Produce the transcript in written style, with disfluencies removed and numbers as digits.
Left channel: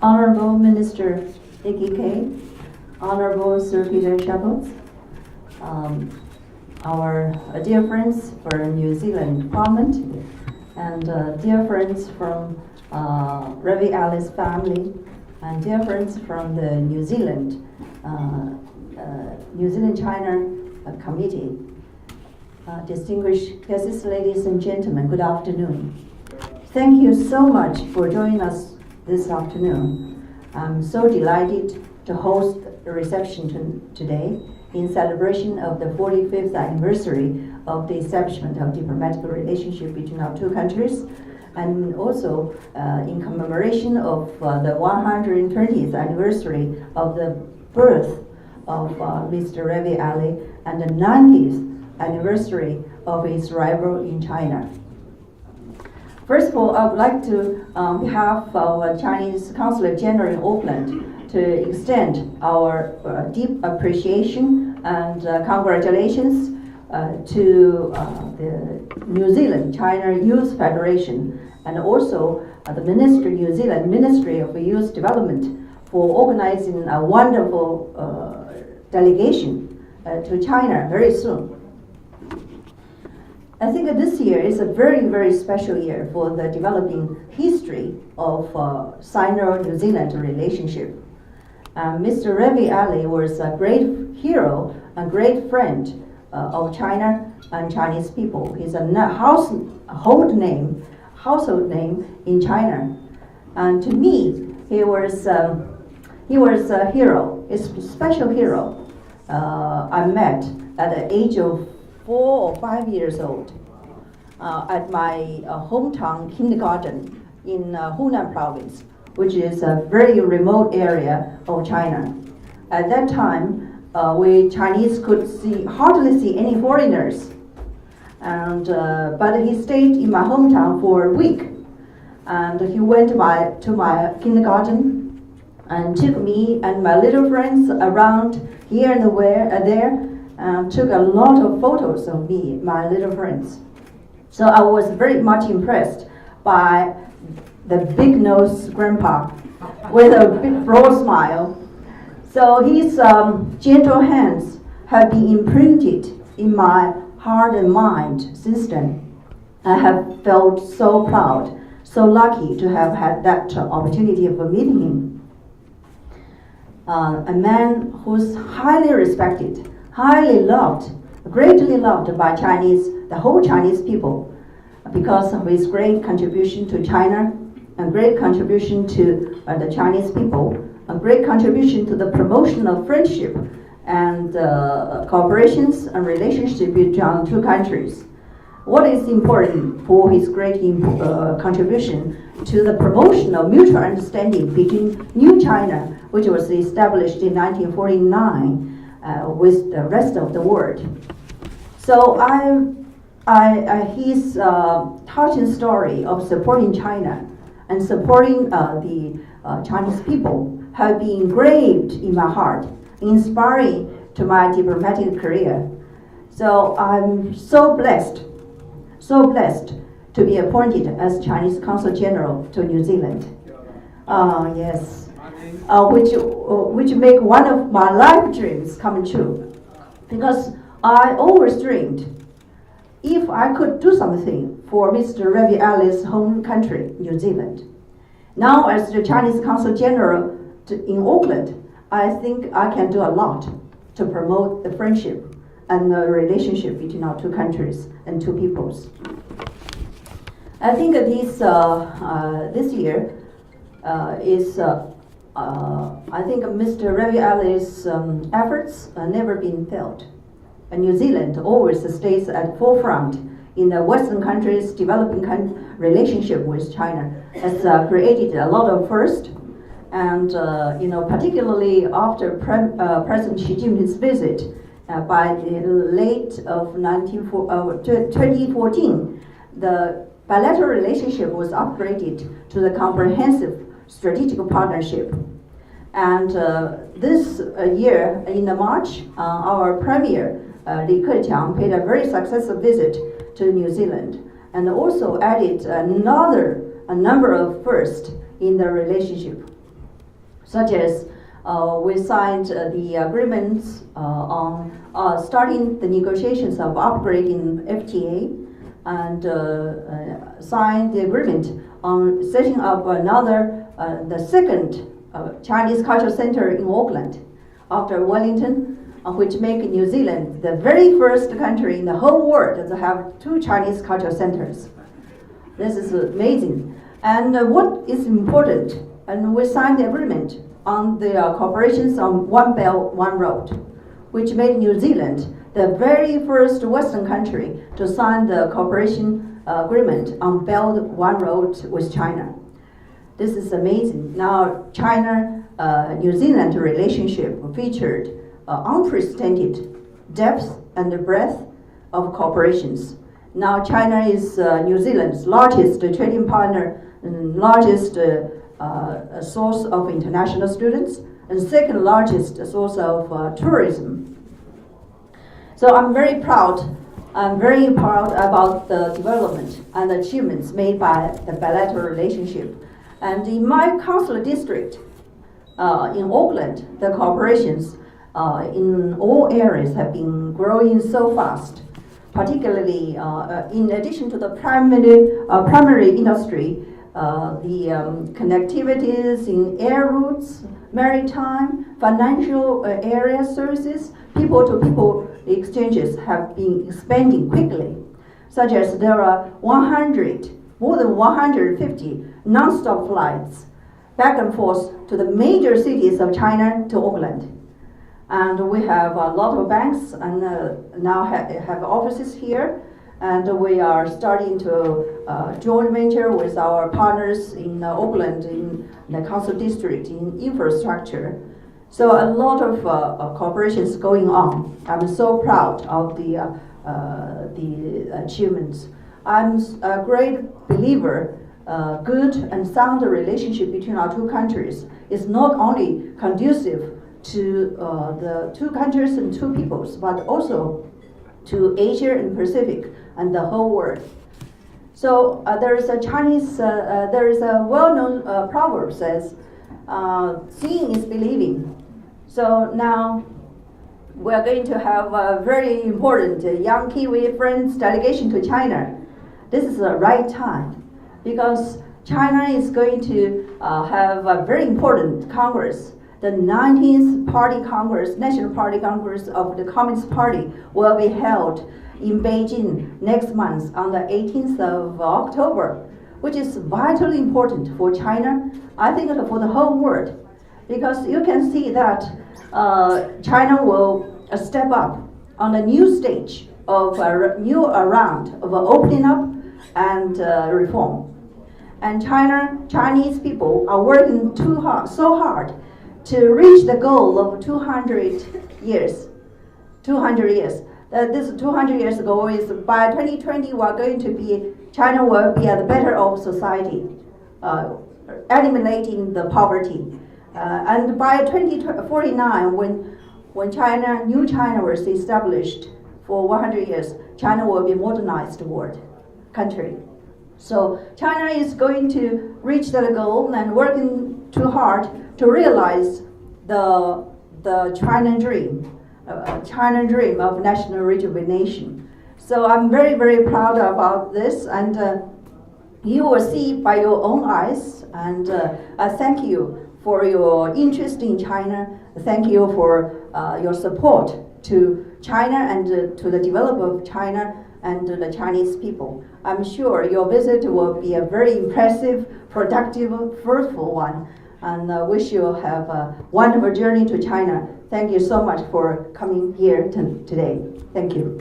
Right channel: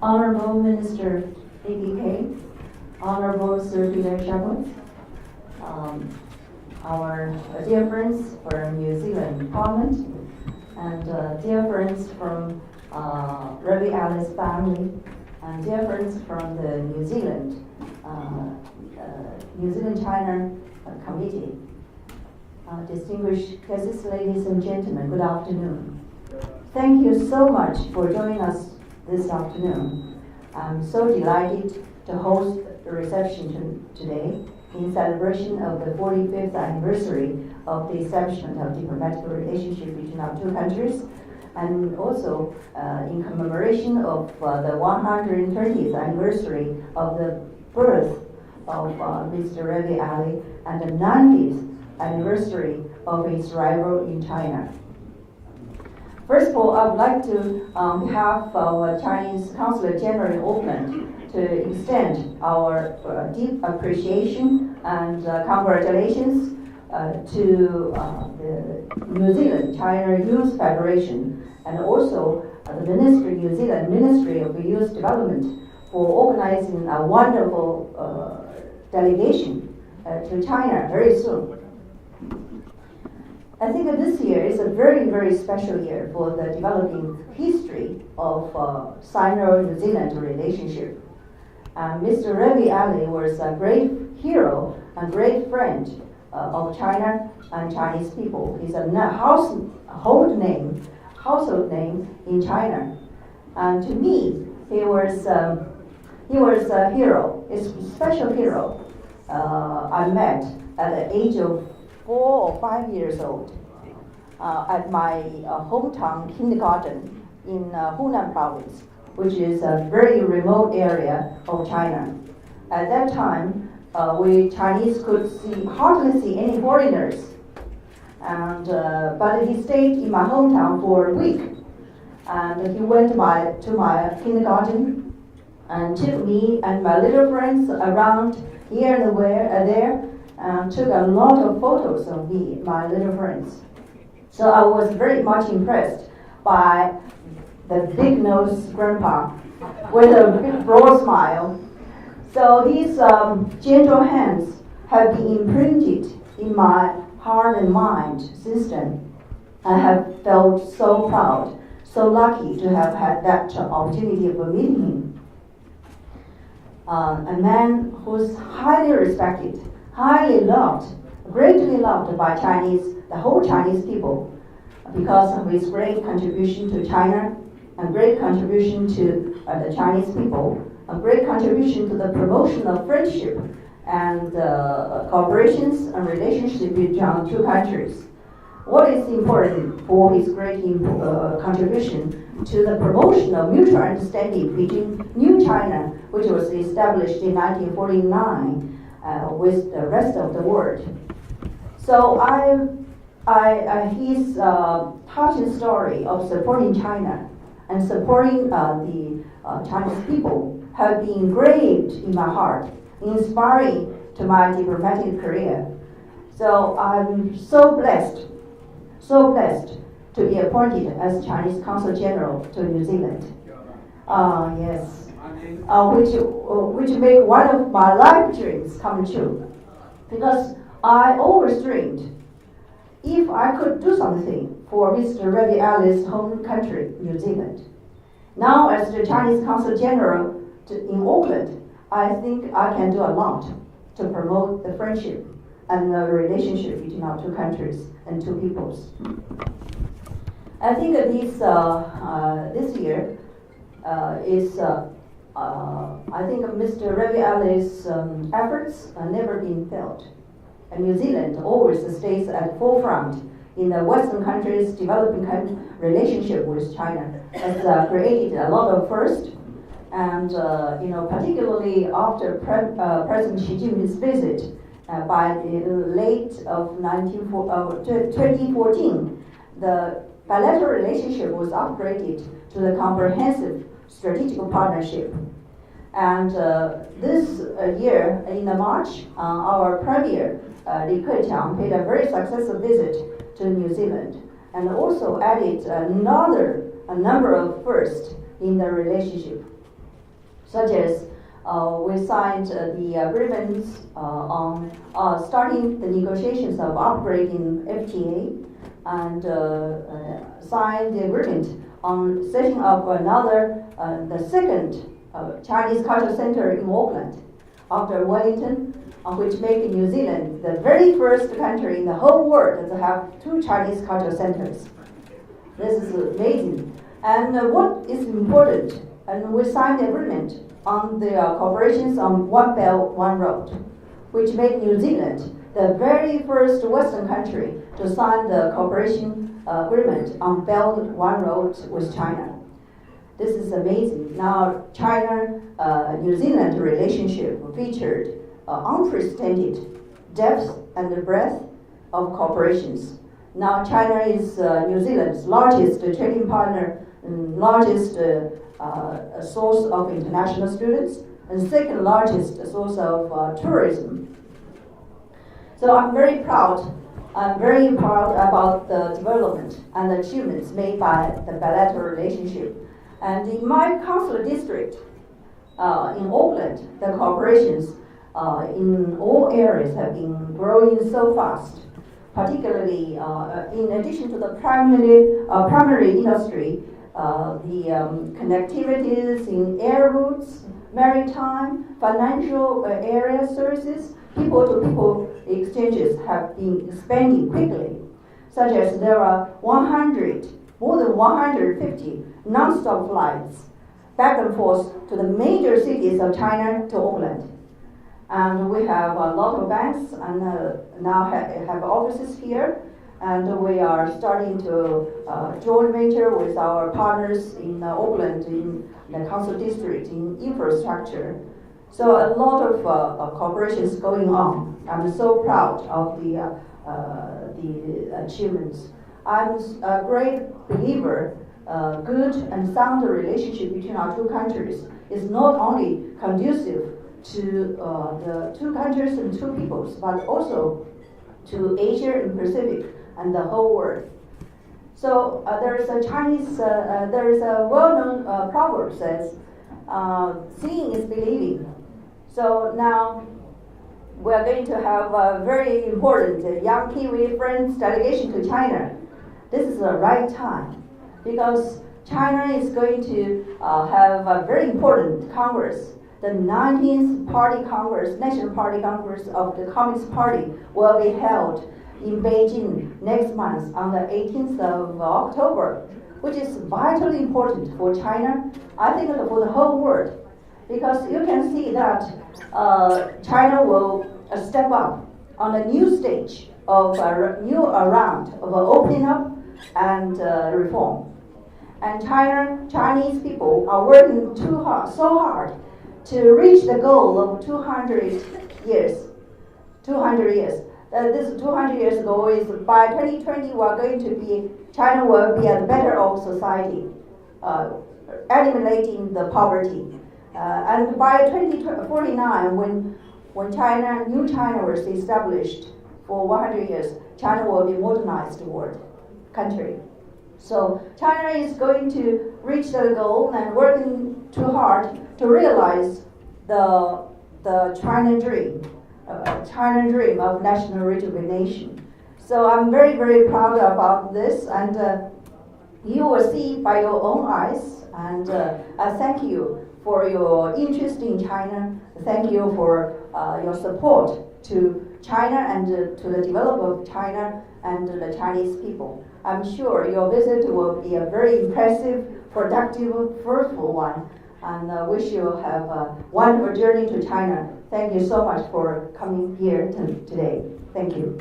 Honorable Minister Dicky Kay, Honorable Sir Peter Shabot, our dear friends from New Zealand Parliament, and dear friends from Ravi Ali's family, and dear friends from the New Zealand China Committee. Distinguished guests, ladies and gentlemen, good afternoon. Thank you so much for joining us this afternoon. I'm so delighted to host the reception today in celebration of the 45th anniversary of the establishment of diplomatic relationship between our two countries, and also in commemoration of the 120th anniversary of the birth of Mr. Ravi Ali and the 90th anniversary of his arrival in China. First of all, I would like to, on behalf of our Chinese Consulate General in Auckland, to extend our deep appreciation and congratulations to the New Zealand China Youth Federation and also the New Zealand Ministry of Youth Development for organizing a wonderful delegation to China very soon. I think that this year is a very, very special year for the developing history of Sino-New Zealand relationship. Mr. Ravi Ali was a great hero, a great friend of China and Chinese people. He's a household name in China. And to me, he was a hero, a special hero. I met at the age of 4 or 5 years old at my hometown kindergarten in Hunan province, which is a very remote area of China. At that time, we Chinese could hardly see any foreigners, and but he stayed in my hometown for a week, and he went to my kindergarten and took me and my little friends around here and there. Took a lot of photos of me, my little friends. So I was very much impressed by the big-nosed grandpa with a big broad smile. So his gentle hands have been imprinted in my heart and mind since then. I have felt so proud, so lucky to have had that opportunity of meeting him. A man who's highly respected, highly loved, greatly loved by the whole Chinese people, because of his great contribution to China, a great contribution to the Chinese people, a great contribution to the promotion of friendship and cooperations and relationship between our two countries. What is important for his great contribution to the promotion of mutual understanding between New China, which was established in 1949, with the rest of the world. So his touching story of supporting China and supporting the Chinese people have been engraved in my heart, inspiring to my diplomatic career. So I'm so blessed to be appointed as Chinese Consul General to New Zealand. Yes. Which make one of my life dreams come true, because I always dreamed if I could do something for Mr. Ravi Ali's home country, New Zealand. Now, as the Chinese Consul General in Auckland, I think I can do a lot to promote the friendship and the relationship between our two countries and two peoples. I think this year is. I think Mr. Ravi Ali's efforts have never been felt. New Zealand always stays at the forefront in the Western countries' developing relationship with China. Has created a lot of first, and particularly after President Xi Jinping's visit by the late of 2014, the bilateral relationship was upgraded to the comprehensive strategic partnership. And this year, in March, our Premier Li Keqiang paid a very successful visit to New Zealand and also added a number of firsts in the relationship. such as we signed the agreements on starting the negotiations of upgrading FTA, and signed the agreement on setting up another, the second Chinese Cultural Center in Auckland after Wellington, which make New Zealand the very first country in the whole world to have 2 Chinese cultural centers. This is amazing. And what is important, and we signed the agreement on the cooperations on One Belt, One Road, which made New Zealand the very first Western country to sign the cooperation agreement on Belt One Road with China. This is amazing. Now, China-New Zealand relationship featured unprecedented depth and breadth of cooperations. Now, China is New Zealand's largest trading partner and largest source of international students, and second largest source of tourism. So I'm very proud about the development and the achievements made by the bilateral relationship. And in my consular district in Auckland, the cooperations in all areas have been growing so fast. Particularly, in addition to the primary industry, the connectivities in air routes, maritime, financial area services, people-to-people exchanges have been expanding quickly, such as there are more than 150 non-stop flights back and forth to the major cities of China to Auckland. And we have a lot of banks and now have offices here, and we are starting to joint venture with our partners in Auckland, in the council district, in infrastructure. So a lot of cooperations going on. I'm so proud of the achievements. I'm a great believer. Good and sound relationship between our 2 countries is not only conducive to the 2 countries and 2 peoples, but also to Asia and Pacific and the whole world. So there is a well-known proverb says, seeing is believing. So now we are going to have a very important young Kiwi Friends delegation to China. This is the right time because China is going to have a very important Congress. The 19th Party Congress, National Party Congress of the Communist Party will be held in Beijing next month on the 18th of October, which is vitally important for China, I think for the whole world, because you can see that China will step up on a new stage of a new round of opening up and reform. And Chinese people are working so hard to reach the goal of 200 years. 200 years. This 200 years ago is by 2020 China will be at the better of society, eliminating the poverty. And by 2049, when New China was established for 100 years, China will be modernized world country. So China is going to reach that goal and working too hard to realize the China dream of national rejuvenation. So I'm very, very proud about this, and you will see by your own eyes. And I thank you for your interest in China. Thank you for your support to China and to the development of China and the Chinese people. I'm sure your visit will be a very impressive, productive, fruitful one, and wish you have a wonderful journey to China. Thank you so much for coming here today. Thank you.